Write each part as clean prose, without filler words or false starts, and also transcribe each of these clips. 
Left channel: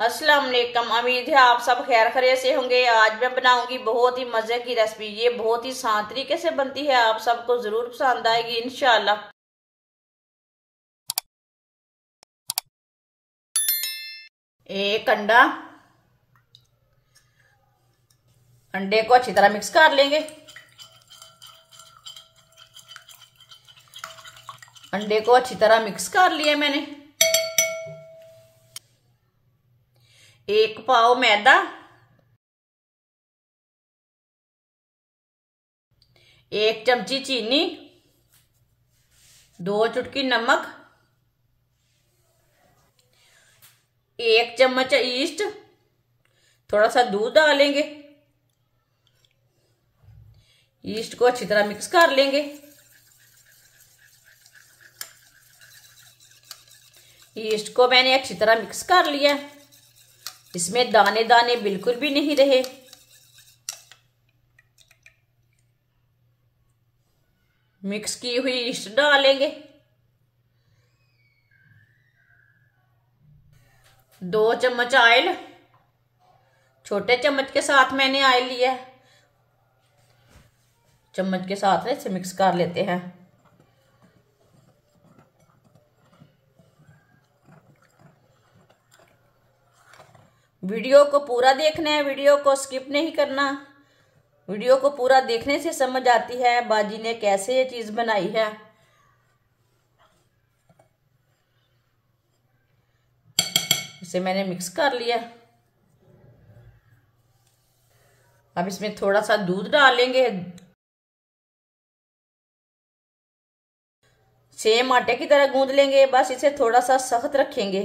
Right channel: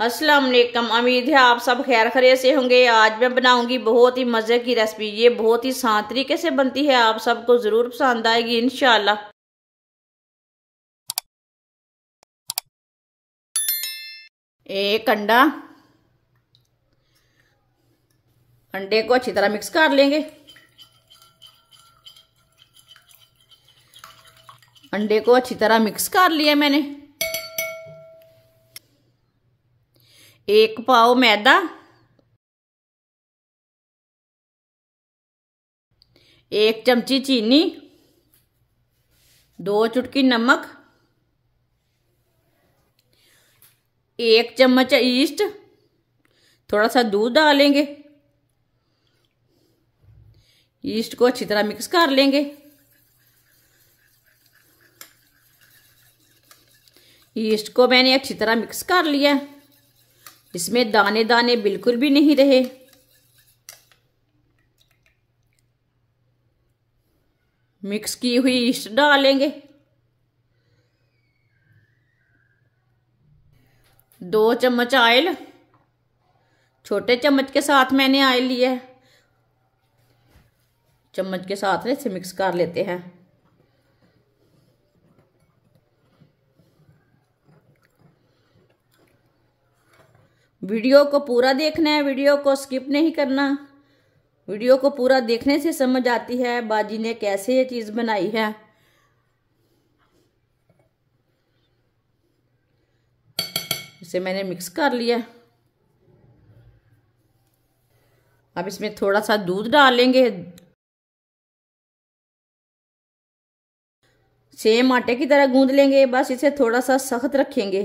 अस्सलाम वालेकुम। उम्मीद है आप सब खैर खैरियत से होंगे। आज मैं बनाऊंगी बहुत ही मजे की रेसिपी। ये बहुत ही आसान तरीके से बनती है, आप सबको जरूर पसंद आएगी इंशाल्लाह। एक अंडा, अंडे को अच्छी तरह मिक्स कर लेंगे। अंडे को अच्छी तरह मिक्स कर लिया मैंने। एक पाव मैदा, एक चमची चीनी, 2 चुटकी नमक, 1 चम्मच ईस्ट, थोड़ा सा दूध डालेंगे। ईस्ट को अच्छी तरह मिक्स कर लेंगे। ईस्ट को मैंने अच्छी तरह मिक्स कर लिया। इसमें दाने दाने बिल्कुल भी नहीं रहे। मिक्स की हुई ईस्ट डालेंगे। 2 चम्मच ऑयल, छोटे चम्मच के साथ मैंने ऑयल लिया है। चम्मच के साथ इसे मिक्स कर लेते हैं। वीडियो को पूरा देखना है, वीडियो को स्किप नहीं करना। वीडियो को पूरा देखने से समझ आती है बाजी ने कैसे ये चीज बनाई है। इसे मैंने मिक्स कर लिया। अब इसमें थोड़ा सा दूध डालेंगे। सेम आटे की तरह गूंद लेंगे, बस इसे थोड़ा सा सख्त रखेंगे।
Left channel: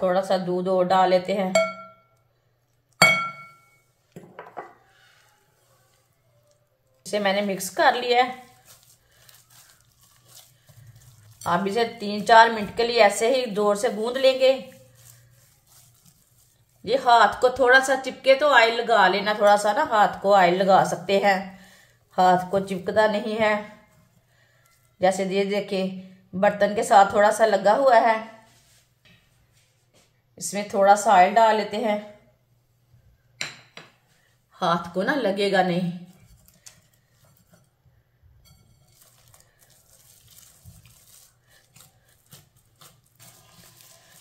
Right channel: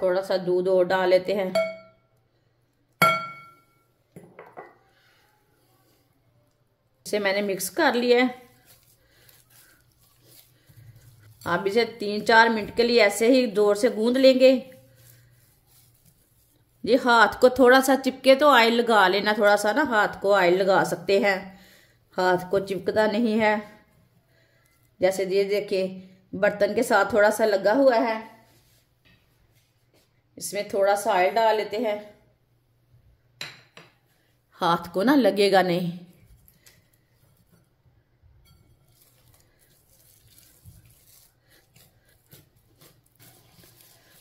थोड़ा सा दूध और डाल लेते हैं। इसे मैंने मिक्स कर लिया है। आप इसे 3-4 मिनट के लिए ऐसे ही जोर से गूंद लेंगे। ये हाथ को थोड़ा सा चिपके तो ऑयल लगा लेना, थोड़ा सा ना हाथ को ऑयल लगा सकते हैं। हाथ को चिपकता नहीं है। जैसे ये देखिए बर्तन के साथ थोड़ा सा लगा हुआ है। इसमें थोड़ा सा ऑयल डाल लेते हैं। हाथ को ना लगेगा नहीं।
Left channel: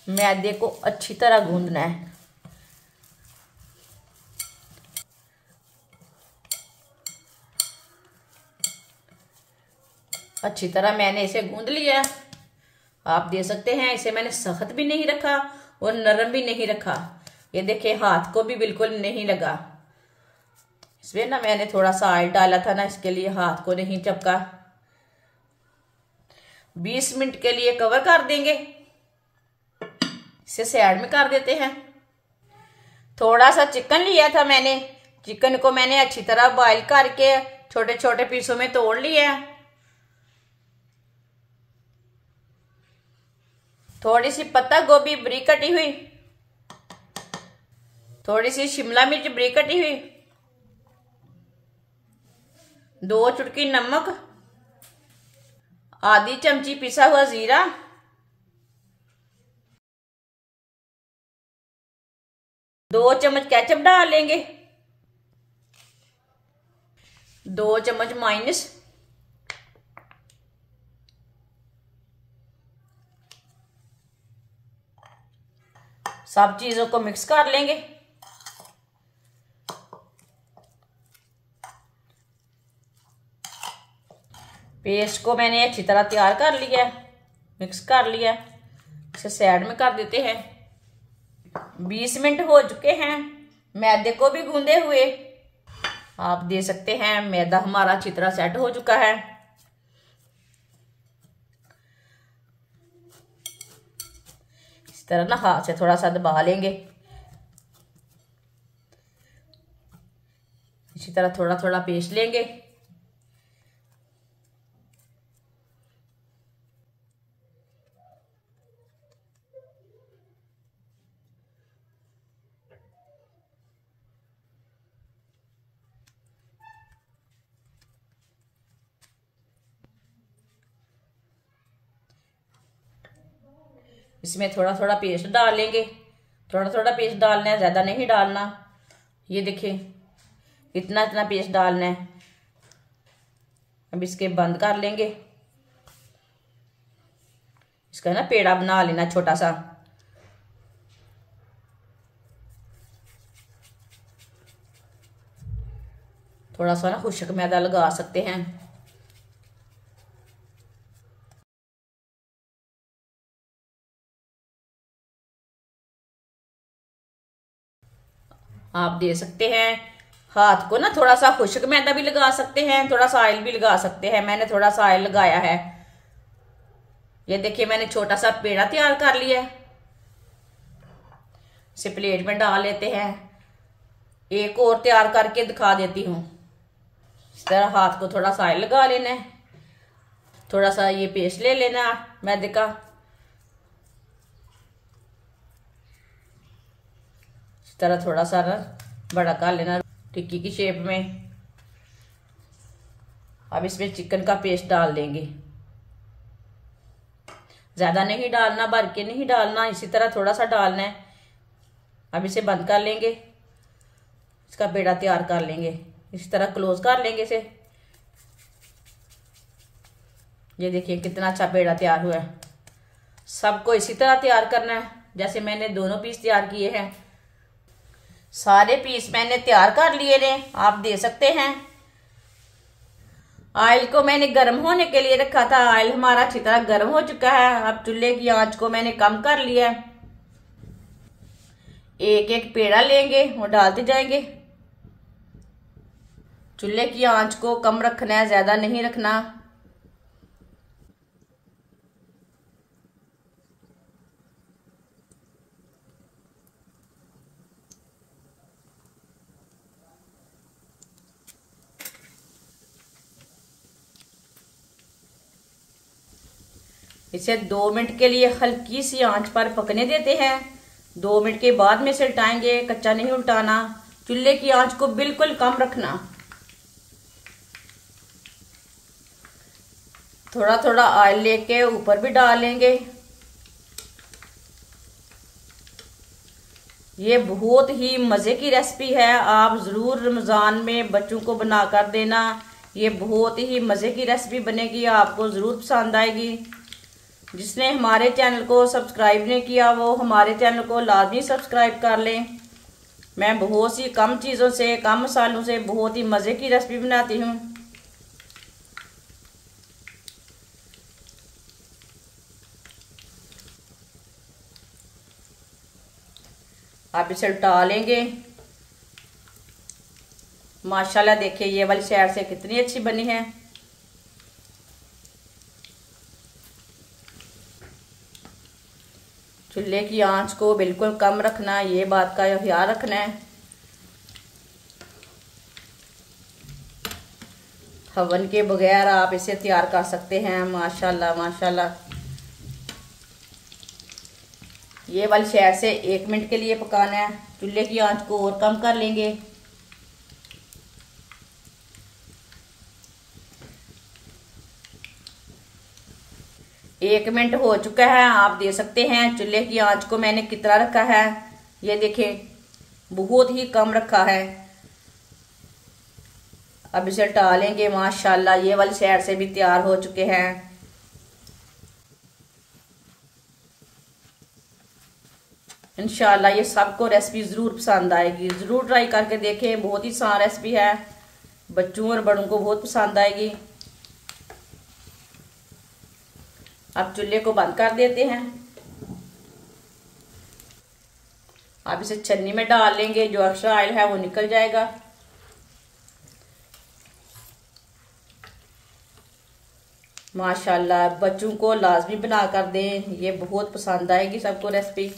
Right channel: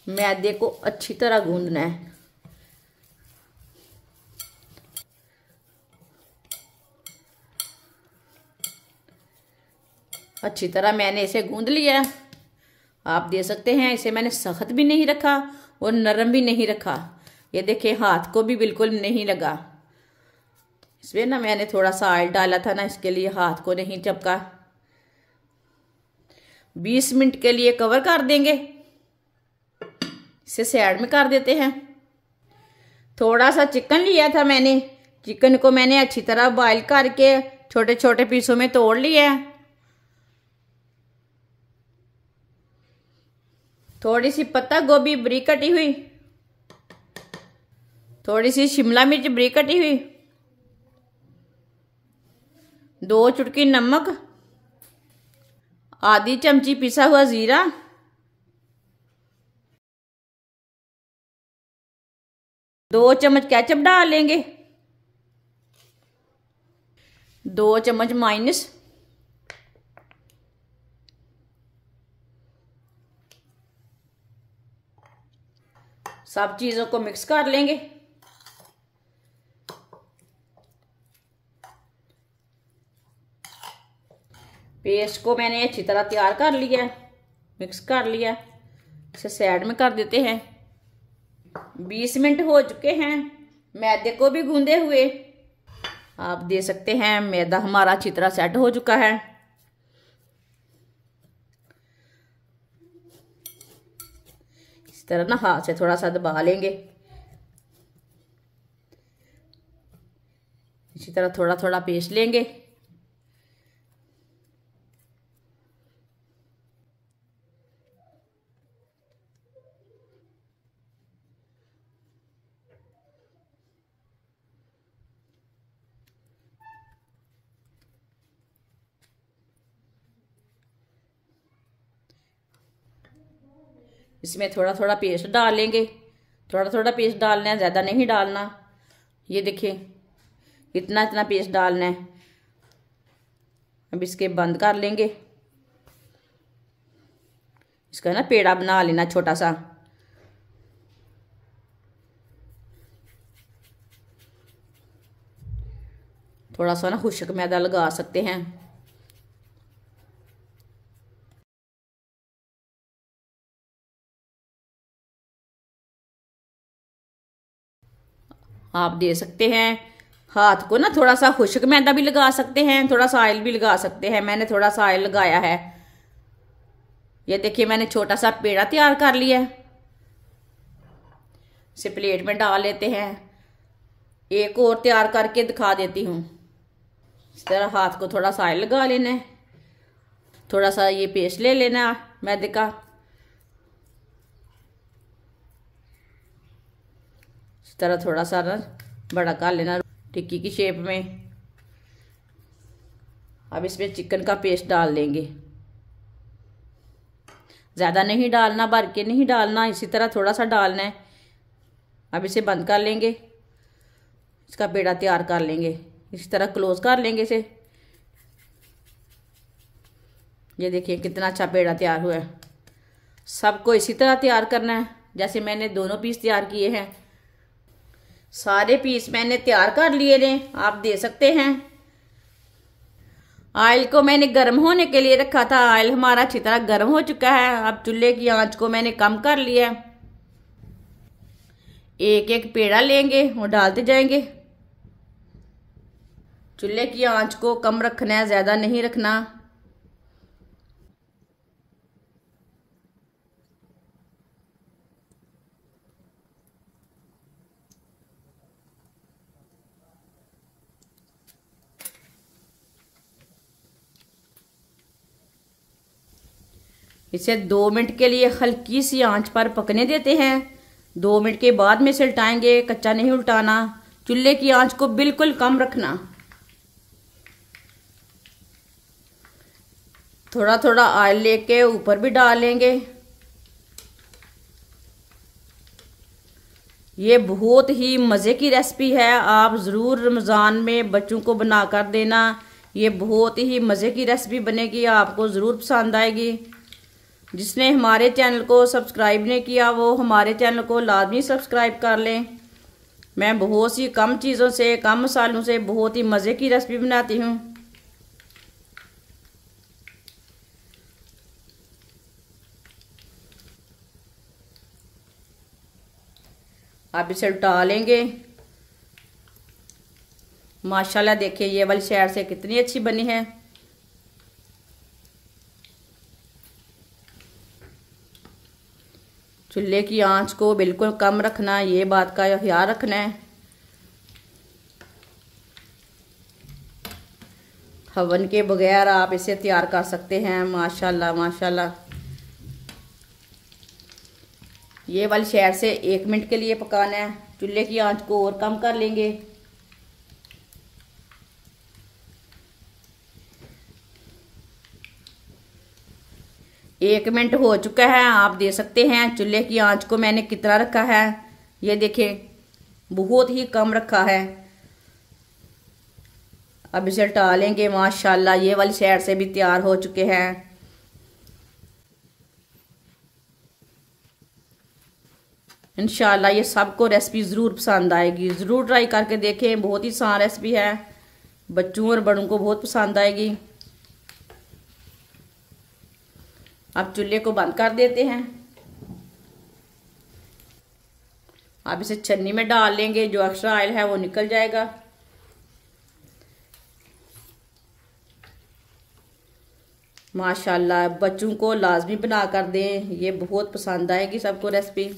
मैदे को अच्छी तरह गूंदना है। अच्छी तरह मैंने इसे गूंद लिया। आप देख सकते हैं इसे मैंने सख्त भी नहीं रखा और नरम भी नहीं रखा। ये देखिए हाथ को भी बिल्कुल नहीं लगा। इसमें ना मैंने थोड़ा सा ऑयल डाला था ना, इसके लिए हाथ को नहीं चपका। 20 मिनट के लिए कवर कर देंगे। इसे साइड में कर देते हैं। थोड़ा सा चिकन लिया था मैंने। चिकन को मैंने अच्छी तरह बॉईल करके छोटे छोटे पीसों में तोड़ लिया। थोड़ी सी पत्ता गोभी बारीक कटी हुई, थोड़ी सी शिमला मिर्च बारीक कटी हुई, 2 चुटकी नमक, आधी चमची पिसा हुआ जीरा, 2 चम्मच केचप डाल लेंगे, 2 चम्मच माइनस, सब चीजों को मिक्स कर लेंगे। पेस्ट को मैंने अच्छी तरह तैयार कर लिया, मिक्स कर लिया। इसे साइड में कर देते हैं। 20 मिनट हो चुके हैं मैदे को भी गूंदे हुए। आप देख सकते हैं मैदा हमारा अच्छी तरह सेट हो चुका है। इस तरह ना हाथ से थोड़ा सा दबा लेंगे। इसी तरह थोड़ा थोड़ा पेस्ट लेंगे। इसमें थोड़ा थोड़ा पेस्ट डाल लेंगे, थोड़ा थोड़ा पेस्ट डालना है, ज़्यादा नहीं डालना। ये देखिए इतना इतना पेस्ट डालना है। अब इसके बंद कर लेंगे, इसका ना पेड़ा बना लेना छोटा सा। थोड़ा सा ना खुश्क मैदा लगा सकते हैं। आप दे सकते हैं हाथ को ना थोड़ा सा खुश्क मैदा भी लगा सकते हैं, थोड़ा सा ऑयल भी लगा सकते हैं। मैंने थोड़ा सा ऑयल लगाया है। ये देखिए मैंने छोटा सा पेड़ा तैयार कर लिया है। इसे प्लेट में डाल लेते हैं। एक और तैयार करके दिखा देती हूँ। इस तरह हाथ को थोड़ा सा ऑयल लगा लेना है, थोड़ा सा ये पेस्ट ले लेना मैदे का। इस तरह थोड़ा सा ना बड़ा कर लेना टिक्की की शेप में। अब इसमें चिकन का पेस्ट डाल देंगे, ज्यादा नहीं डालना, भर के नहीं डालना, इसी तरह थोड़ा सा डालना है। अब इसे बंद कर लेंगे, इसका पेड़ा तैयार कर लेंगे। इसी तरह क्लोज कर लेंगे इसे। ये देखिए कितना अच्छा पेड़ा तैयार हुआ है। सबको इसी तरह तैयार करना है जैसे मैंने दोनों पीस तैयार किए हैं। सारे पीस मैंने तैयार कर लिए ने, आप दे सकते हैं। ऑयल को मैंने गर्म होने के लिए रखा था। ऑयल हमारा अच्छी तरह गर्म हो चुका है। अब चूल्हे की आंच को मैंने कम कर लिया। एक एक पेड़ा लेंगे और डालते जाएंगे। चूल्हे की आंच को कम रखना है, ज्यादा नहीं रखना। इसे 2 मिनट के लिए हल्की सी आंच पर पकने देते हैं। 2 मिनट के बाद में इसे उल्टाएंगे, कच्चा नहीं उल्टाना। चूल्हे की आंच को बिल्कुल कम रखना। थोड़ा थोड़ा ऑयल लेके ऊपर भी डालेंगे। ये बहुत ही मजे की रेसिपी है। आप जरूर रमजान में बच्चों को बनाकर देना। ये बहुत ही मजे की रेसिपी बनेगी, आपको जरूर पसंद आएगी। जिसने हमारे चैनल को सब्सक्राइब नहीं किया वो हमारे चैनल को लाजमी सब्सक्राइब कर लें। मैं बहुत सी कम चीज़ों से, कम मसालों से बहुत ही मज़े की रेसिपी बनाती हूँ। आप इसे उल्टा लेंगे। माशाल्लाह देखिए ये वाली साइड से कितनी अच्छी बनी है। चूल्हे की आंच को बिल्कुल कम रखना, ये बात का ख्याल रखना है। ओवन के बगैर आप इसे तैयार कर सकते हैं। माशाल्लाह माशाल्लाह। ये वाली साइड से 1 मिनट के लिए पकाना है। चूल्हे की आंच को और कम कर लेंगे। एक मिनट हो चुका है, आप दे सकते हैं। चूल्हे की आंच को मैंने कितना रखा है ये देखें, बहुत ही कम रखा है। अब इसे टालेंगे। माशाल्लाह ये वाली साइड से भी तैयार हो चुके हैं। इंशाल्लाह ये सबको रेसिपी जरूर पसंद आएगी। जरूर ट्राई करके देखें, बहुत ही आसान रेसिपी है, बच्चों और बड़ों को बहुत पसंद आएगी। अब चूल्हे को बंद कर देते हैं। अब इसे छन्नी में डाल लेंगे, जो एक्स्ट्रा ऑयल है वो निकल जाएगा। माशाल्लाह बच्चों को लाजमी बना कर दें, ये बहुत पसंद आएगी सबको रेसिपी।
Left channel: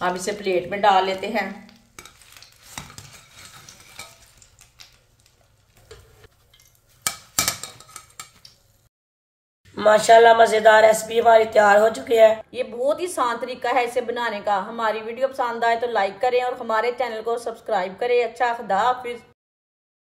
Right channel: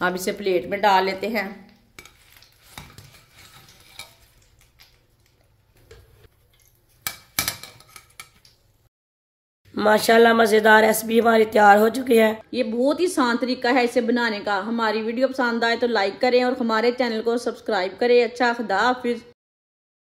अब इसे प्लेट में डाल लेते हैं। माशाल्लाह मजेदार रेसिपी हमारी तैयार हो चुकी है। ये बहुत ही आसान तरीका है इसे बनाने का। हमारी वीडियो पसंद आए तो लाइक करें और हमारे चैनल को सब्सक्राइब करें। अच्छा खुदा हाफिज।